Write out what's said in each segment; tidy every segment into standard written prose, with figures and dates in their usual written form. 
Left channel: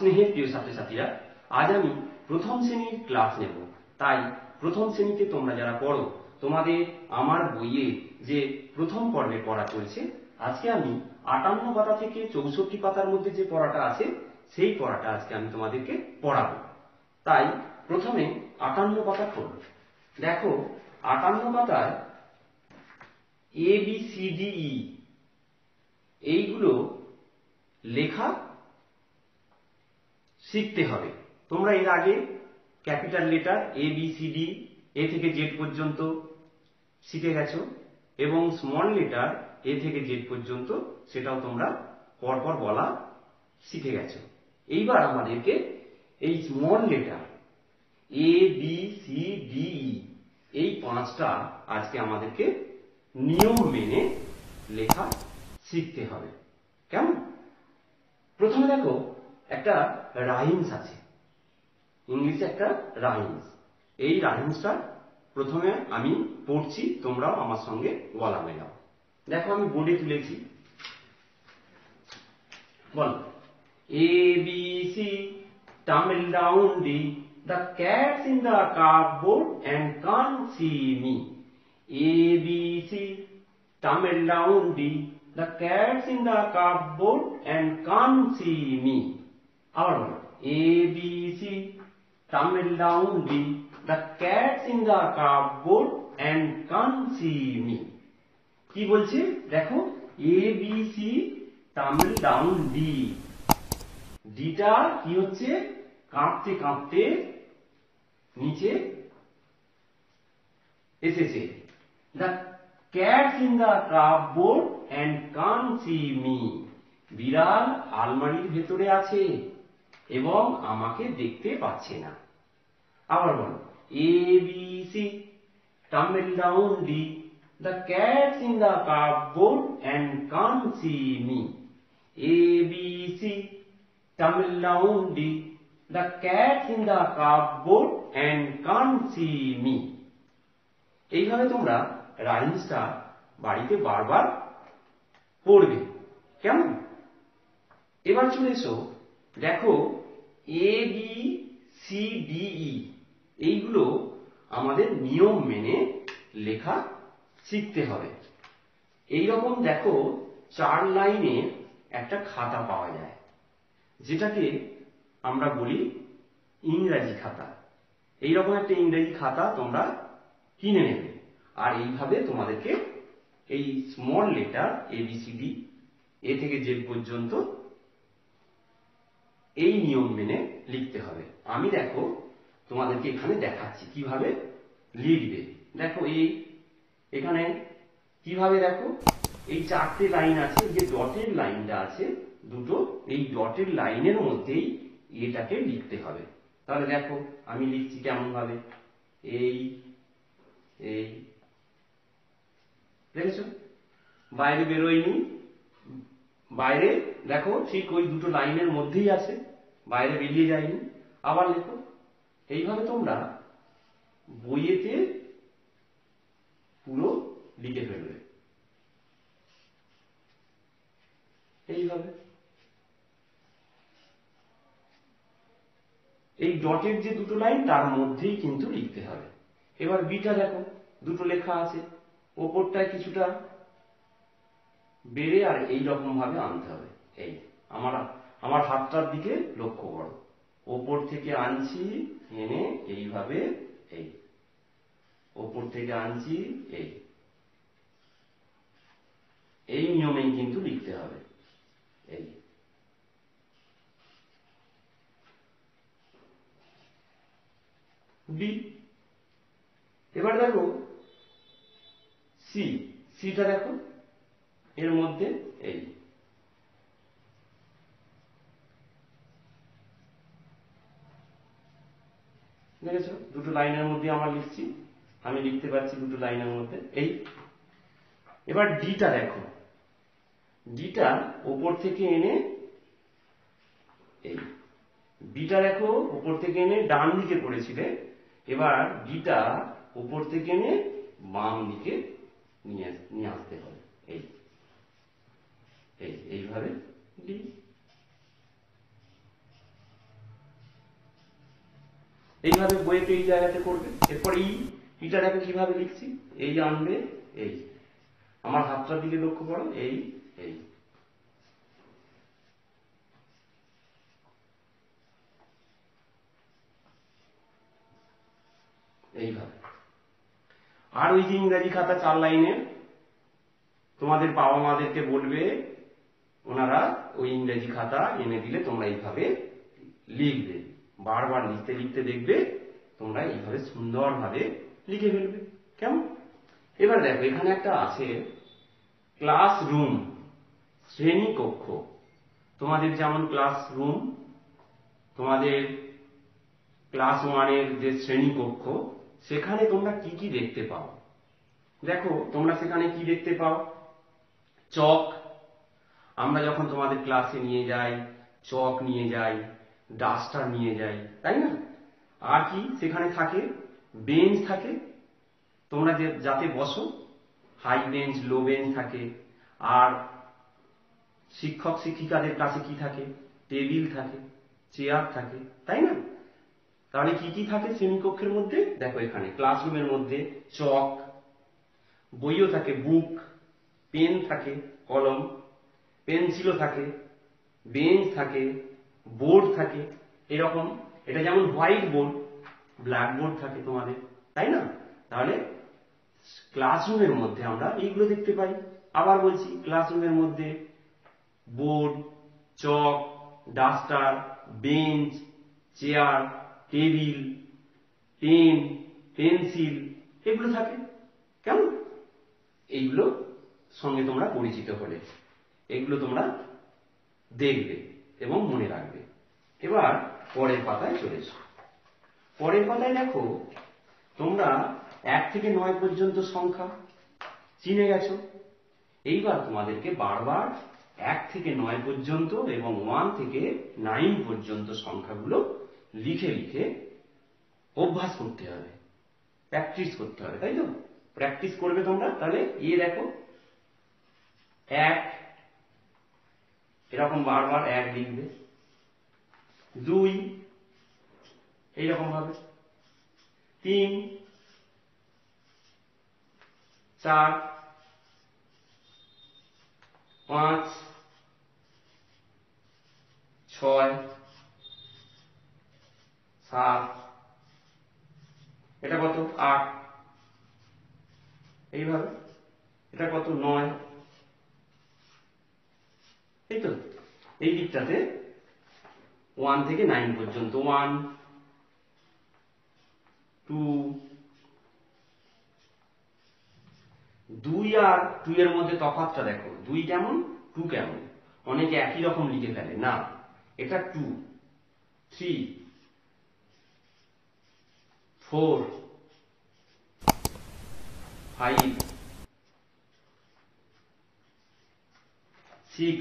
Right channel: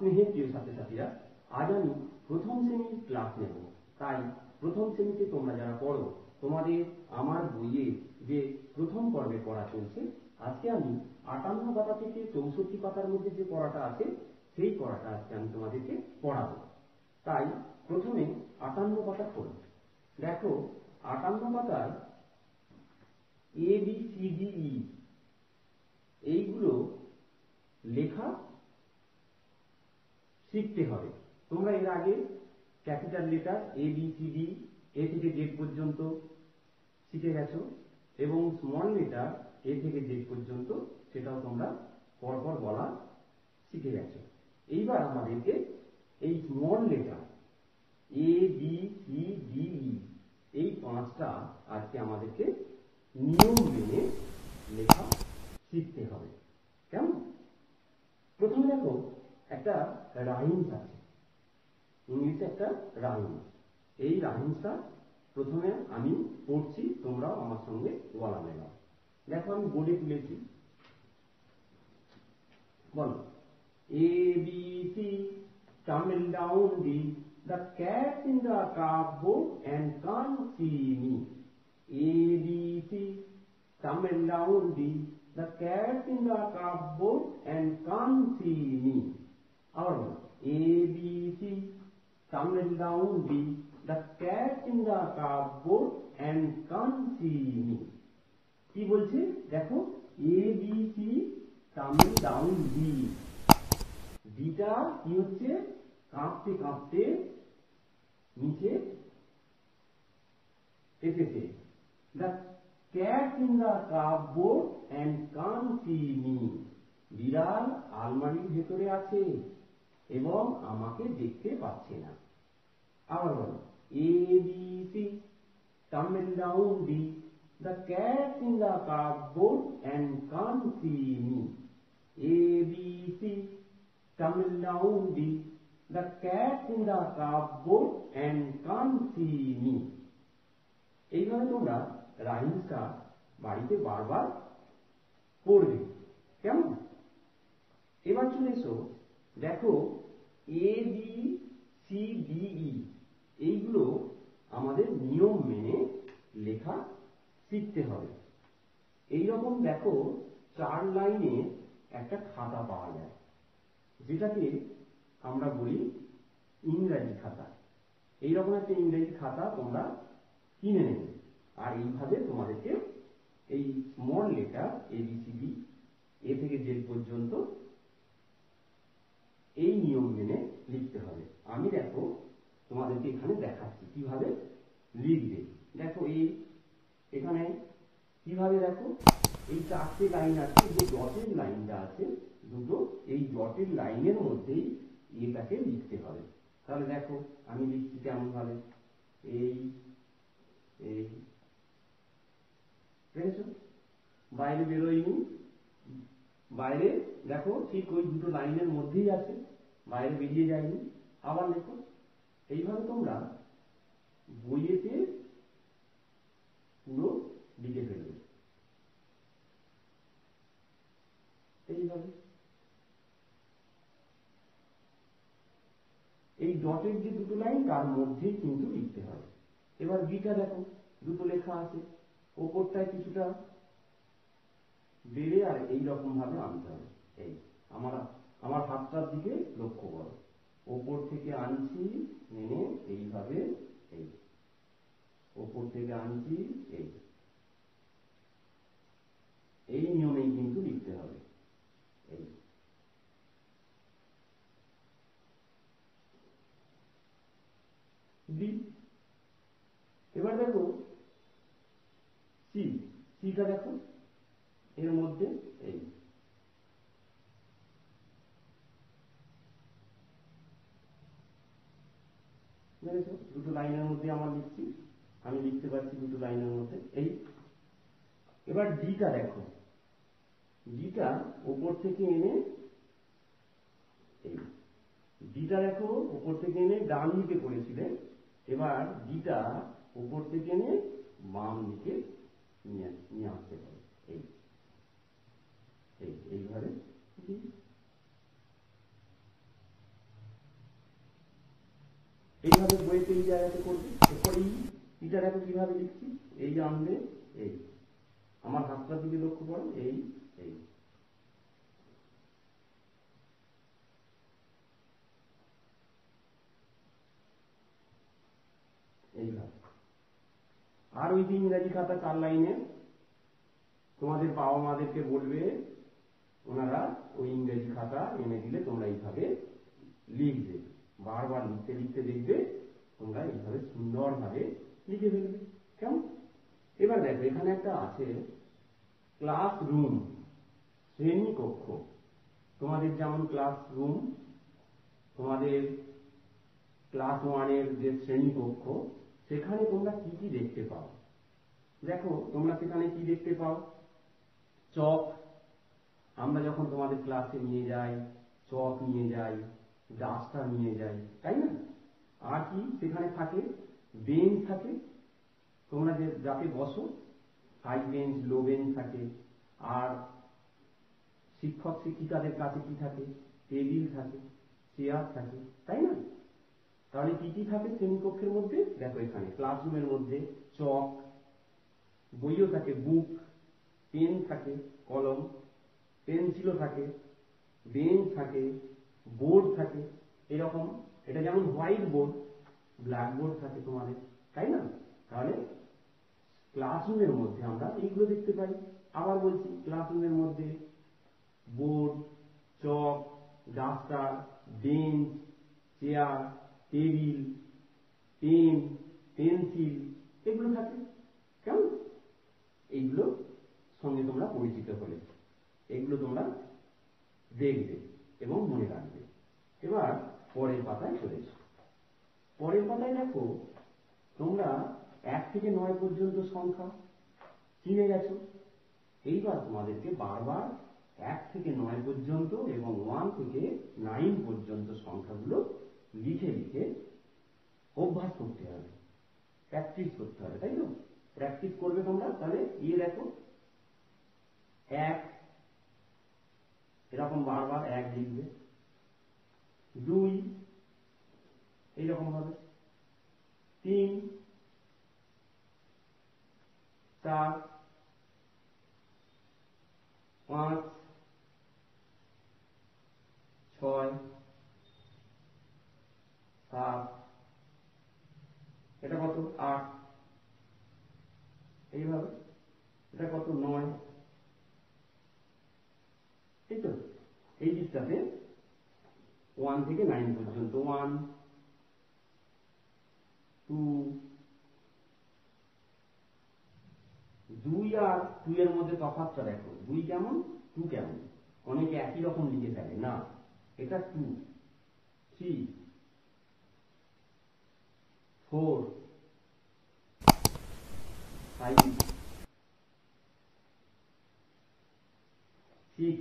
স্নেহের প্রিয় ছাত্রছাত্রীরা, আজ আমি প্রথম শ্রেণীর ক্লাস নেব। তাই প্রথম শ্রেণীতে তোমরা যারা পড়ো, তোমাদের আমার বইয়ে যে প্রথম পর্বে পড়া চলছে, আজকে আমি ৫৮ পাতা থেকে ৬৪ পাতার মধ্যে যে পড়াটা আছে সেই পড়াটা আজকে আমি তোমাদেরকে পড়াবো। তাই প্রথমে ৫৮ পাতা খোলো। দেখো ৫৮ পাতায় ABCDE এইগুলো লেখা শিখতে হবে। তোমরা এর আগে ক্যাপিটাল লেটার ABCD A থেকে Z পর্যন্ত শিখে গেছো এবং স্মল লেটার A থেকে Z পর্যন্ত সেটাও তোমরা পরপর বলা শিখে গেছো। এইবার আমাদেরকে এই স্মল লেটার ABCDE এই পাঁচটা আজকে আমাদেরকে নিয়ম মেনে লেখা শিখতে হবে। কেমন? প্রথমে দেখো একটা রাইমস আছে, ইংলিশে একটা রাইমস। এই রাইমসটা প্রথমে আমি পড়ছি, তোমরাও আমার সঙ্গে বলা মেলাও। দেখো আমি বোর্ডে তুলেছি, বল ABC tumble down the cat's in the cupboard and can't see me. ABC tumble down the cat's in the cupboard and can't see me. আবার বলো ABC tumble down the cat's in the cupboard and can't see me. কি বলছে দেখো, ABC tumble down ডিটা কি হচ্ছে, কাঁপতে কাঁপতে নিচে এসেছে। The cat's in the cupboard and can't see me. বিড়াল আলমারির ভেতরে আছে এবং আমাকে দেখতে পাচ্ছে না। আবার বলো ABC tumble down the cat's in the cupboard and can't see me. ABC tumble down the cat's in the cupboard and can't see me. এইভাবে তোমরা রাইমসটা বাড়িতে বারবার পড়বে। কেমন? এবার চলে এসো, দেখো ABCDE এইগুলো আমাদের নিয়ম মেনে লেখা শিখতে হবে। এইরকম দেখো 4 লাইনে একটা খাতা পাওয়া যায়, যেটাকে আমরা বলি ইংরেজি খাতা। এইরকম একটা ইংরেজি খাতা তোমরা কিনে নেবে, আর এইভাবে তোমাদেরকে এই স্মল লেটার ABCD A থেকে Z পর্যন্ত এই নিয়ম মেনে লিখতে হবে। আমি দেখো তোমাদেরকে এখানে দেখাচ্ছি কিভাবে লিখবে। দেখো এখানে কিভাবে, দেখো এই 4টে লাইন আছে, যে ডটের লাইনটা আছে দুটো, এই ডটের লাইনের মধ্যেই এটাকে লিখতে হবে। তাহলে দেখো আমি লিখছি কেমন ভাবে, এই দেখেছো বাইরে বেরোয়নি, বাইরে দেখো ঠিক ওই দুটো লাইনের মধ্যেই আছে, বাইরে বেরিয়ে যায়নি। আবার লেখো, এইভাবে তোমরা বইয়েতে পুরো লিখে ফেলবে। এইভাবে এই ডটের যে দুটো লাইন তার মধ্যেই কিন্তু লিখতে হবে। এবার বিটা দেখো দুটো লেখা আছে, ওপরটায় কিছুটা বেড়ে আর এই রকম ভাবে আনতে হবে। এই আমার হাতটার দিকে লক্ষ্য করো, ওপর থেকে আনছি এনে এইভাবে, এই ওপর থেকে আনছি, এই নিয়মেই কিন্তু লিখতে হবে। এই বি। এবার দেখো সিটা দেখো এর মধ্যে, এই দেখেছো দুটো লাইনের মধ্যে আমার লিখছি, আমি লিখতে পারছি দুটো লাইনের মধ্যে। এই এবার ডিটা দেখো, ডিটা উপর থেকে এনে, এই ডিটা দেখো উপর থেকে এনে ডান দিকে পড়েছিলে, এবার ডিটা উপর থেকে এনে বাম দিকে নিয়ে আসতে হবে। এইভাবে ডি। এইভাবে বইতে এই জায়গাতে করবে। এরপর ইটা দেখো কিভাবে লিখছি, এই আনবে, এই আমার হাতটার দিকে লক্ষ্য করো, এই এই এইভাবে। আর ওই যে ইংরাজি খাতা 4 লাইনের, তোমাদের বাবা মাদেরকে বলবে, ওনারা ওই ইংরেজি খাতা এনে দিলে তোমরা এইভাবে লিখবে। বারবার লিখতে লিখতে দেখবে তোমরা এইভাবে সুন্দরভাবে লিখে ফেলবে। কেমন? এবার দেখো এখানে একটা আছে ক্লাসরুম, শ্রেণীকক্ষ। তোমাদের যেমন ক্লাসরুম, তোমাদের ক্লাস 1-এর যে শ্রেণীকক্ষ, সেখানে তোমরা কি কি দেখতে পাও? দেখো তোমরা সেখানে কি দেখতে পাও? চক, আমরা যখন তোমাদের ক্লাসে নিয়ে যাই চক নিয়ে যাই, ডাস্টার নিয়ে যাই, তাই না? আর কি সেখানে থাকে? বেঞ্চ থাকে, তোমরা যাতে বসো, হাই বেঞ্চ লো বেঞ্চ থাকে। আর শিক্ষক শিক্ষিকাদের কাছে কি থাকে? টেবিল থাকে, চেয়ার থাকে, তাই না? তাহলে কি কি থাকে শ্রেণীকক্ষের মধ্যে? দেখো এখানে ক্লাসরুমের মধ্যে চক, বইও থাকে, বুক, পেন থাকে, কলম, পেন্সিলও থাকে, বেঞ্চ থাকে, বোর্ড থাকে, এরকম। এটা যেমন হোয়াইট বোর্ড, ব্ল্যাক বোর্ড থাকে তোমাদের, তাই না? তাহলে ক্লাসরুমের মধ্যে আমরা এইগুলো দেখতে পাই। আবার বলছি, ক্লাসরুমের মধ্যে board, chalk, duster, bench, chair, table, pen, pencil, এগুলো থাকে। কেমন? এইগুলো সঙ্গে তোমরা পরিচিত হলে, এগুলো তোমরা দেখবে এবং মনে রাখবে। এবার পরের পাতায় চলে এসো। পরের পাতায় দেখো তোমরা 1 থেকে 9 পর্যন্ত সংখ্যা চিনে গেছো। এইবার তোমাদেরকে বারবার 1 থেকে 9 পর্যন্ত এবং 1 থেকে 9 পর্যন্ত সংখ্যাগুলো লিখে লিখে অভ্যাস করতে হবে, প্র্যাকটিস করতে হবে, তাই তো? প্র্যাকটিস করবে তোমরা। তাহলে দেখো 1, এরকম বারবার 1 লিখবে। 2 এইরকম ভাবে, 3, 4, 5, 6, 7, এটা কত? 8, এইভাবে। এটা কত? 9, এই তো। এই দিকটাতে 1 থেকে 9 পর্যন্ত, 1, 2, 2 আর 2 এর মধ্যে তফাৎটা দেখো, 2 কেমন 2 কেমন। অনেকে একই রকম লিখে ফেলে, না, এটা 2, 3, 4, 5, 6,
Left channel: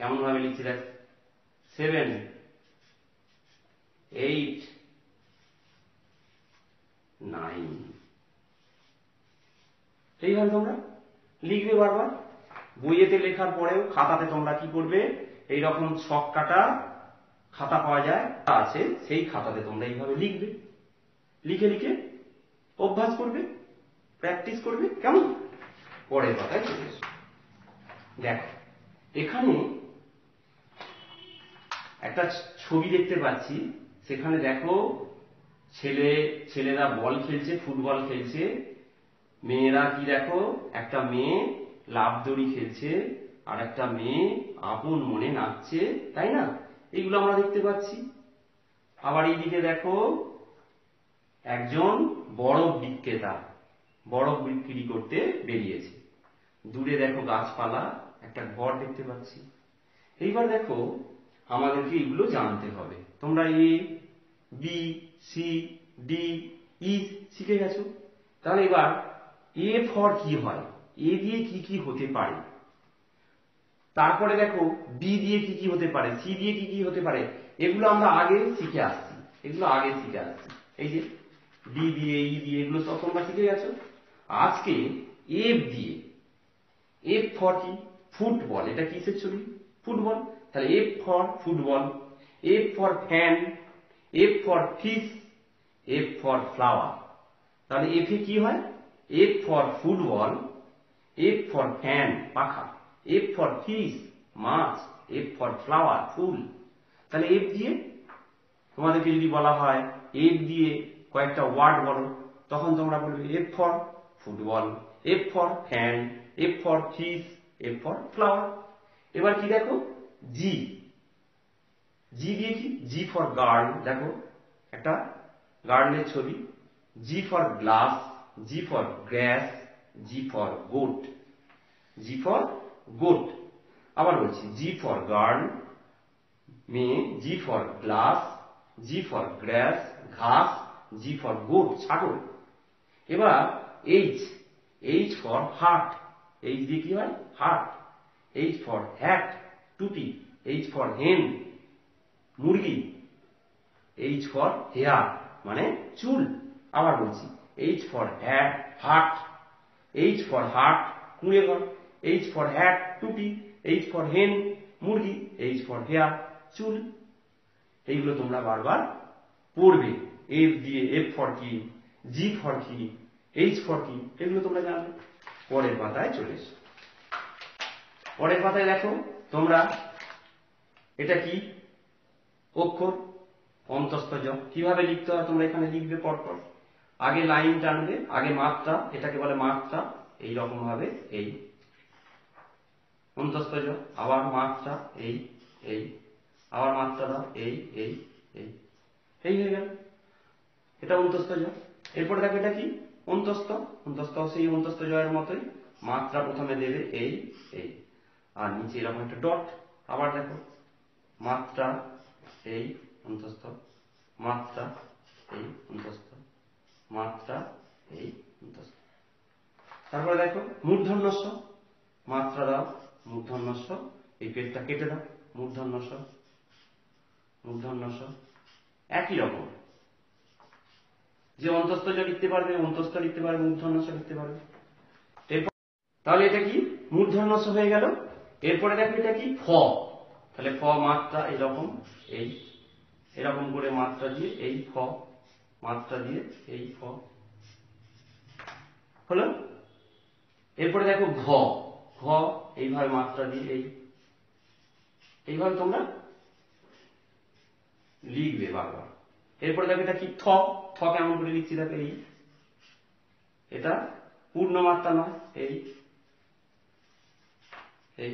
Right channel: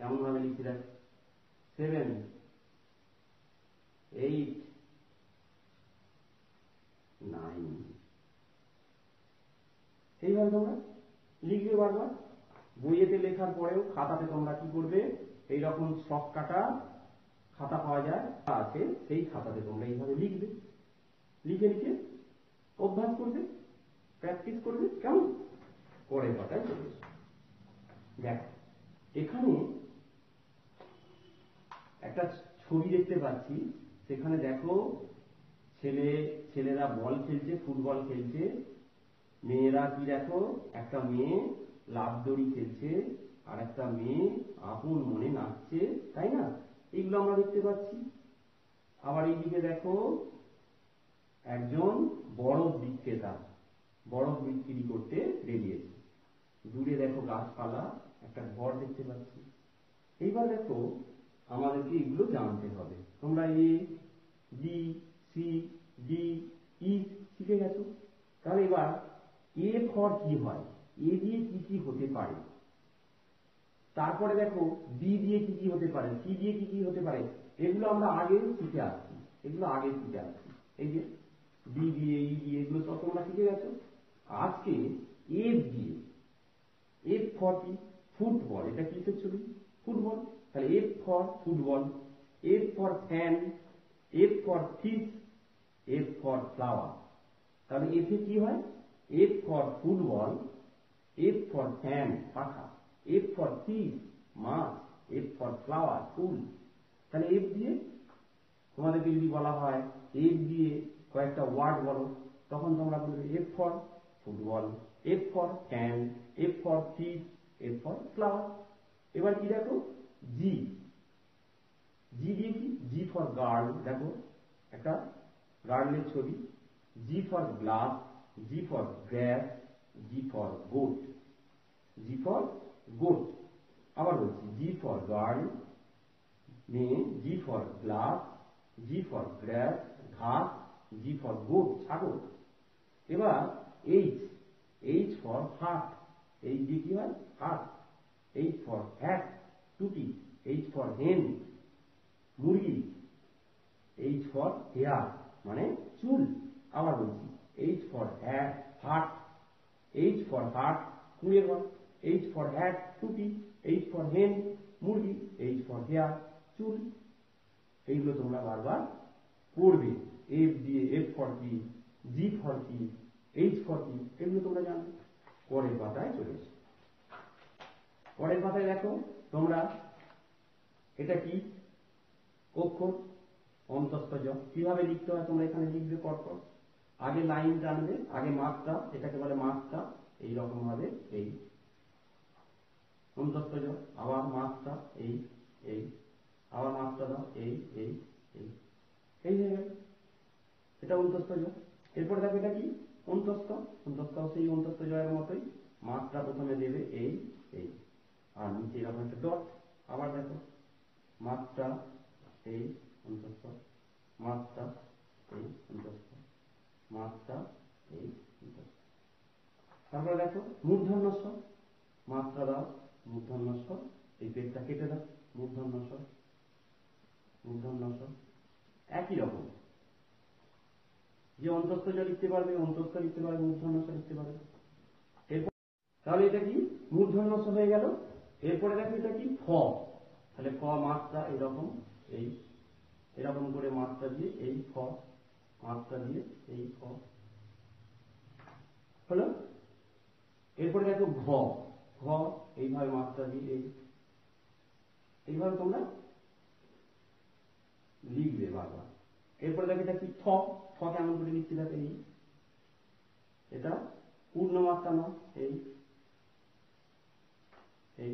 কেমন ভাবে লিখছি দেখ, 7, 8, 9, এইভাবে তোমরা লিখবে বারবার। বইয়েতে লেখার পরেও খাতাতে তোমরা কি করবে? এইরকম ছক কাটা খাতা পাওয়া যায়, আছে, সেই খাতাতে তোমরা এইভাবে লিখবে। লিখে লিখে অভ্যাস করবে, প্র্যাকটিস করবে। কেমন? পরের পাতায় চলে এসো। দেখো এখানে একটা ছবি দেখতে পাচ্ছি। সেখানে দেখো ছেলেরা বল খেলছে, ফুটবল খেলছে। মেয়েরা কি দেখো, একটা মেয়ে লাফ দড়ি খেলছে, আর একটা মেয়ে আপন মনে নাচছে, তাই না? এইগুলো আমরা দেখতে পাচ্ছি। আবার এইদিকে দেখো একজন বরফ বিক্রেতা বরফ বিক্রি করতে বেরিয়েছে। দূরে দেখো গাছপালা, একটা ঘর দেখতে পাচ্ছি। এইবার দেখো আমাদেরকে এগুলো জানতে হবে। তোমরা A B C D E শিখে গেছো। তাহলে এবার এ ফর কি হয়, এ দিয়ে কি কি হতে পারে, তারপরে দেখো বি দিয়ে কি কি হতে পারে, সি দিয়ে কি কি হতে পারে, এগুলো আমরা আগে শিখে আসছি। এই যে ডি দিয়ে ই দিয়ে এগুলো সব তোমরা শিখে গেছো। আজকে এফ দিয়ে, এফ ফর কি? ফুটবল। এটা কিসের ছবি? ফুটবল। তাহলে F for football. F for fan, F for fish, F for flower। তাহলে F এ কি হয়? F for football, F for fan পাখা, F for fish মাছ, F for flower ফুল। তাহলে F দিয়ে তোমাদেরকে যদি বলা হয় F দিয়ে কয়েকটা ওয়ার্ড বলো, তখন তোমরা বলবে F for football, F for fan, F for fish, F for flower। এবার কি দেখো G, G দিয়ে কি? G for গার্ল, দেখো একটা গার্লের ছবি। G for glass, G for gas, G for goat, G for goat. আবার বলছি G for গার্ল মেয়ে, G for glass, G for গ্রাস ঘাস, G for গোট ছাগল। এবার H, H for heart, H দিয়ে কি হয়? হার্ট। H for হ্যাট টুপি, H for হেন মুরগি, H for হেয়ার মানে চুল। আবার বলছি H for heart, H for heart কুঁড়ে ঘর, H for হ্যাট টুপি, H for হেন মুরগি, H for হেয়ার চুল। এইগুলো তোমরা বারবার পড়বে। F দিয়ে F for কি, G for কি, H for কি, এগুলো তোমরা জানবে। পরের পাতায় চলে এসো। পরের পাতায় দেখো তোমরা এটা কি অক্ষর? অন্তস্থ জ। কিভাবে লিখতে হয় তোমরা এখানে লিখবে পরপর। আগে লাইন টানবে, আগে মাত্রা, এটাকে বলে মাত্রা, এই রকম ভাবে এই অন্তস্থ জ, আবার মাত্রা এই এই, আবার মাত্রা দাও এই এই এই, এই হয়ে গেল, এটা অন্তস্থ জ। এরপরে দেখো এটা কি অন্তস্থ, অন্তস্থ সেই অন্তস্থ জয়ের মতোই মাত্রা প্রথমে দেবে এই এই, আর নিচে এরকম একটা ডট। আবার দেখো মাত্রা এই অন্তস্থ, মাত্রা এই অন্তস্থ, মাত্রা এই অন্তস্থ। তারপরে দেখো মূর্ধন্য ষ, মাত্রা দাও মূর্ধন্য ষ, এই পেজটা কেটে দাও মূর্ধন্য ষ, মূর্ধন্য ষ। একই রকম যে অন্তস্থ জ লিখতে পারবে, অন্তস্থ লিখতে পারবে, মূর্ধন্য ষ লিখতে পারবে। এরপর তাহলে এটা কি মূর্ধন্য ষ হয়ে গেল। এরপরে দেখো এটা কি ফ, তাহলে ফ মাত্রা এরকম এই, এরকম করে মাত্রা দিয়ে এই ফ, মাত্রা দিয়ে এই ফ হলো। এরপরে দেখো ঘ, ঘ এইভাবে মাত্রা দিয়ে এই, এইভাবে তোমরা লিখবে বারবার। এরপরে দেখো এটা কি থ, থ কেমন করে লিখছি দেখো এই, এটা পূর্ণ মাত্রা নয় এই এই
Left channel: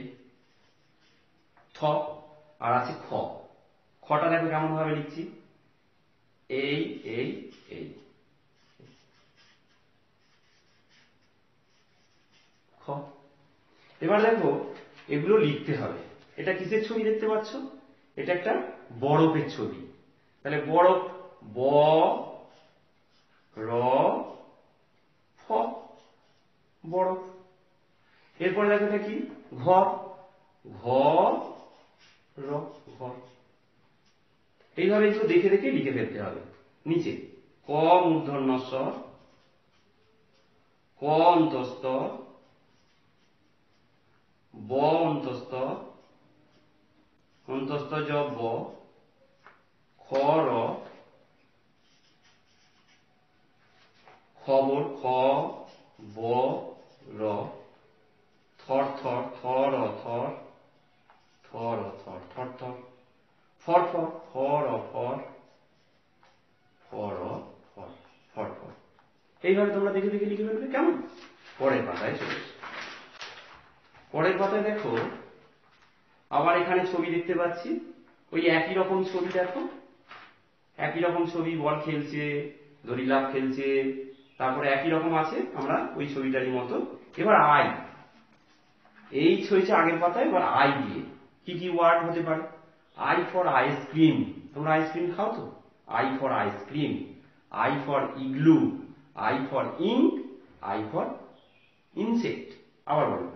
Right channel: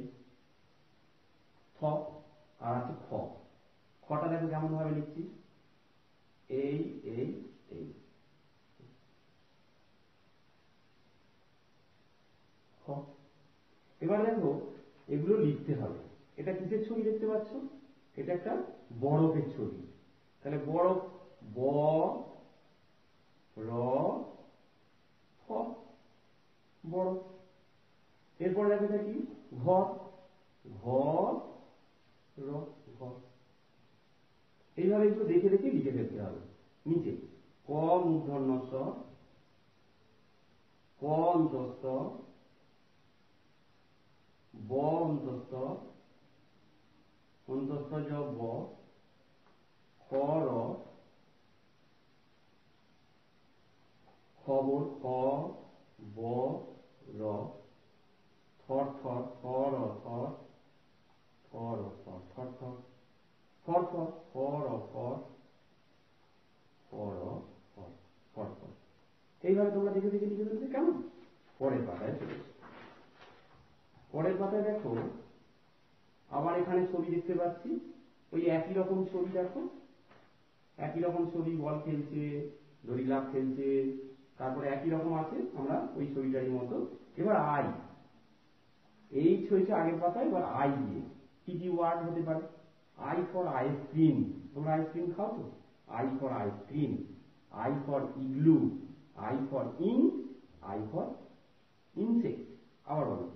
থ। আর আছে খ, খটা দেখো কেমন ভাবে লিখছি এই এই এই খ। এবার দেখো এগুলো লিখতে হবে। এটা কিসের ছবি দেখতে পাচ্ছ? এটা একটা বরফের ছবি। তাহলে বরফ ব র ফ, বরফ। এরপরে দেখো এটা কি ঘর, ঘ র ঘর। এইভাবে একটু দেখে দেখে লিখে ফেলতে হবে। নিচে ক মূর্ধন্য ষ, ক অন্তস্থ, ব অন্তস্থ, অন্তস্থ জ ব, খ র, খবর খ ব র, থর থর থর থর, থর থর থর থর, ফর ফর ফর ফর, ফর ফর ফর ফর। এইভাবে তোমরা দেখে দেখে লিখে ফেলবে। কেমন? পরের পাতায় চলে এসো। পরের পাতায় দেখো আবার এখানে ছবি দেখতে পাচ্ছি, ওই একই রকম ছবি দেখো, একই রকম ছবি, বল খেলছে, দড়ি লাফ খেলছে, তারপরে একই রকম আছে আমরা ওই ছবিটারই মতো। এবার আই, এই হয়েছে আগের পাতায়। এবার আই দিয়ে কি কি ওয়ার্ড হতে পারে? আই ফর আইসক্রিম, তোমরা আইসক্রিম খাও তো, I for ice cream, I for igloo, I for ink, I for insect. আবার বলো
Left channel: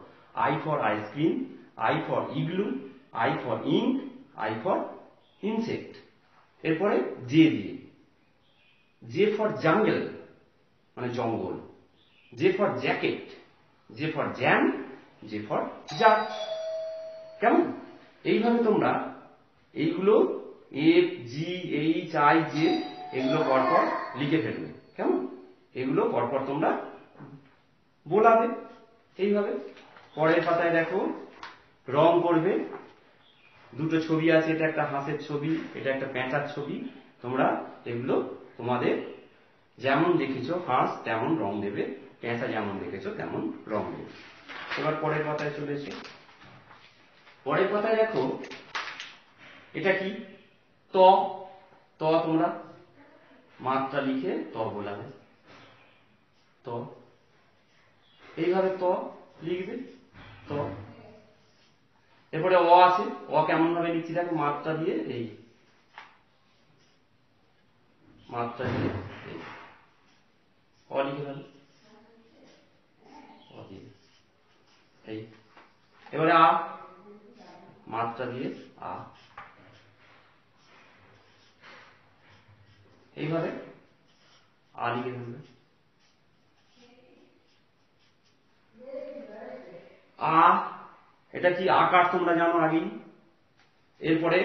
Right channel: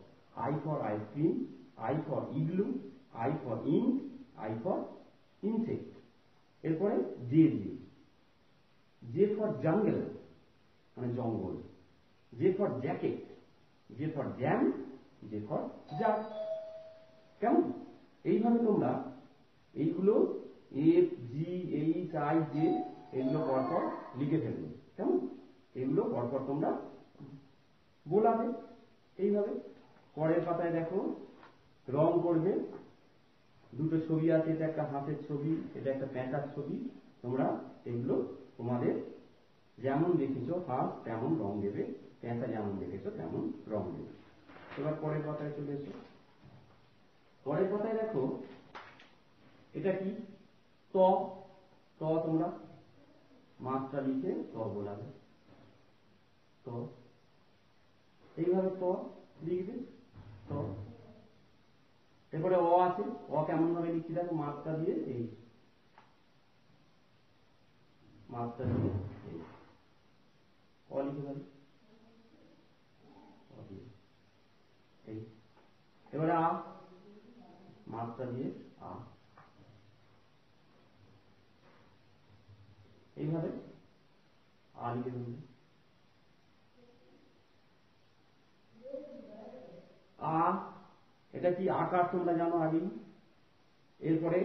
I for ice cream, I for igloo, I for ink, I for insect. এরপরে জে দিয়ে, জে ফর জাঙ্গল মানে জঙ্গল, J for jacket, J for jam, J for jar. কেমন? এইভাবে তোমরা এইগুলো F G H I J এগুলো পরপর লিখে ফেলবে। কেমন? এগুলো পরপর তোমরা বোলাবে এইভাবে। পরের পাতায় দেখো রং করবে। দুটো ছবি আছে, এটা একটা হাঁসের ছবি, এটা একটা পেঁচার ছবি। তোমরা এগুলো তোমাদের যেমন দেখেছো হাঁস তেমন রং দেবে, পেঁচা যেমন দেখেছো তেমন রং দেবে। এবার পরের পাতায় চলে এসো। পরের পাতায় দেখো এটা কি? ত। ত তোমরা মাত্রা লিখে ত বোলাবে। ত এইভাবে ত লিখবে। ত এরপরে অ আছে, অ কেমন ভাবে লিখছি দেখো, মাত্রা দিয়ে এই মাত্রা দিয়ে এই অ লিখে ফেলো। অ দিয়ে এই। এবারে আ, মাত্রা দিয়ে আ। এইভাবে আ লিখে ফেলবে। আ এটা কি আকার তোমরা জানো আগেই। এরপরে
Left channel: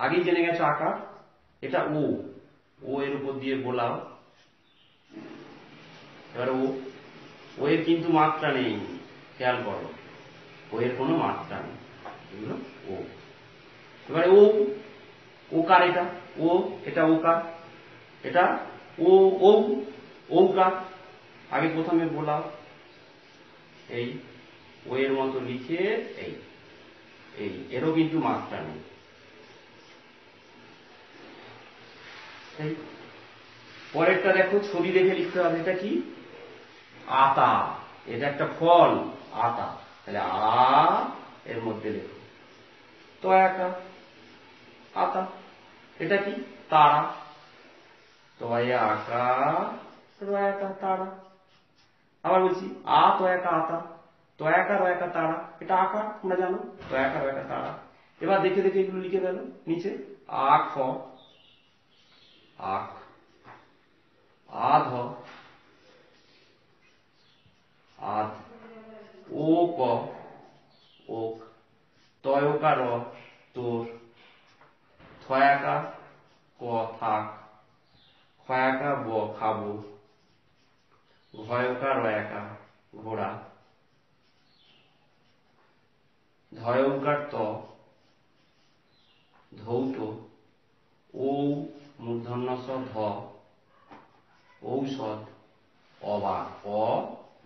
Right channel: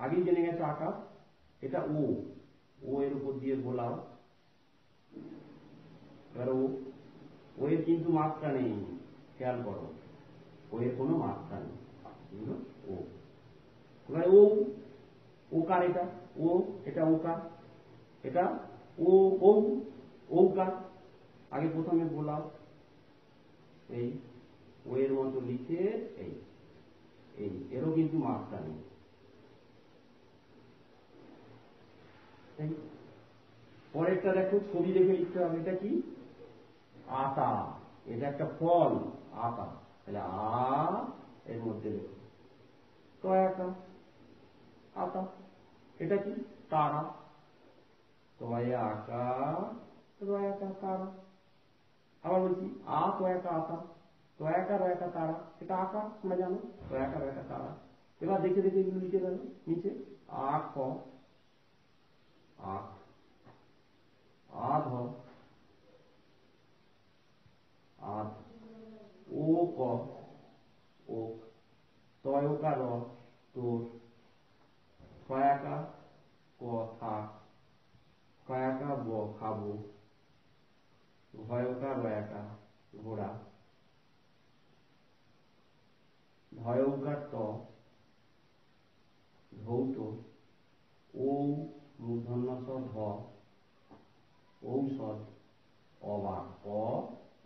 আগেই জেনে গেছো আকার। এটা ও, ও এর উপর দিয়ে বোলাও। এবার ও, ও এর কিন্তু মাত্রা নেই, খেয়াল করো, ও এর কোনো মাত্রা নেই, এগুলো ও। এবারে ও, ওকার এটা ও, এটা ওকার, এটা ও ও ওকার। আগে প্রথমে বোলাও এই ও এর মতো লিখে এই এই, এরও কিন্তু মাত্রা নেই। পরেরটা দেখো ছবি দেখে লিখতে হবে। এটা কি? আতা। এটা একটা ফল, আতা। তাহলে আ এর মধ্যে লেখো তো একা আতা। এটা কি? তারা। তয়ে আকা রয়াকা তারা। আবার বলছি আ তো একা আতা, তো একা রয়াকা তারা, এটা আকার তোমরা জানো, তো একা রয়াকা তারা। এবার দেখে দেখে এগুলো লিখে ফেলো নিচে। আখ, আখ। আধ, আধ। ও ক, ওক। তয়কার তোর। থয়াকা ক থাক। খয়াকা ব খাবো। ঘয়কা রয়াকা ঘোড়া। ধয়ৌকার ত ধৌত। ও মূর্ধন্য স ধ ঔষধ। অবাক, অ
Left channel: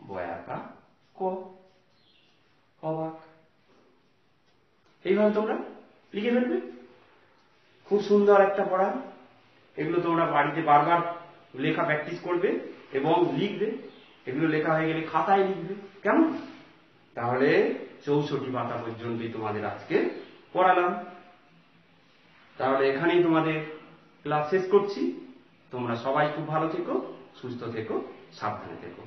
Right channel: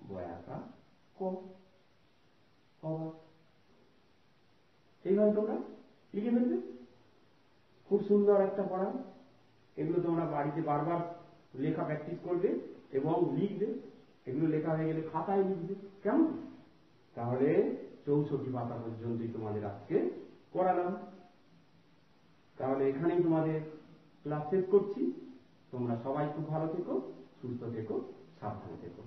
বয়াকা ক অবাক। এইভাবে তোমরা লিখে ফেলবে। খুব সুন্দর একটা পড়া। এগুলো তোমরা বাড়িতে বারবার লেখা প্র্যাকটিস করবে এবং লিখবে। এগুলো লেখা হয়ে গেলে খাতায় লিখবে। কেমন? তাহলে 64 পাতা পর্যন্তই তোমাদের আজকে পড়ালাম। তাহলে এখানেই তোমাদের ক্লাস শেষ করছি। তোমরা সবাই খুব ভালো থেকো, সুস্থ থেকো, সাবধানে থেকো।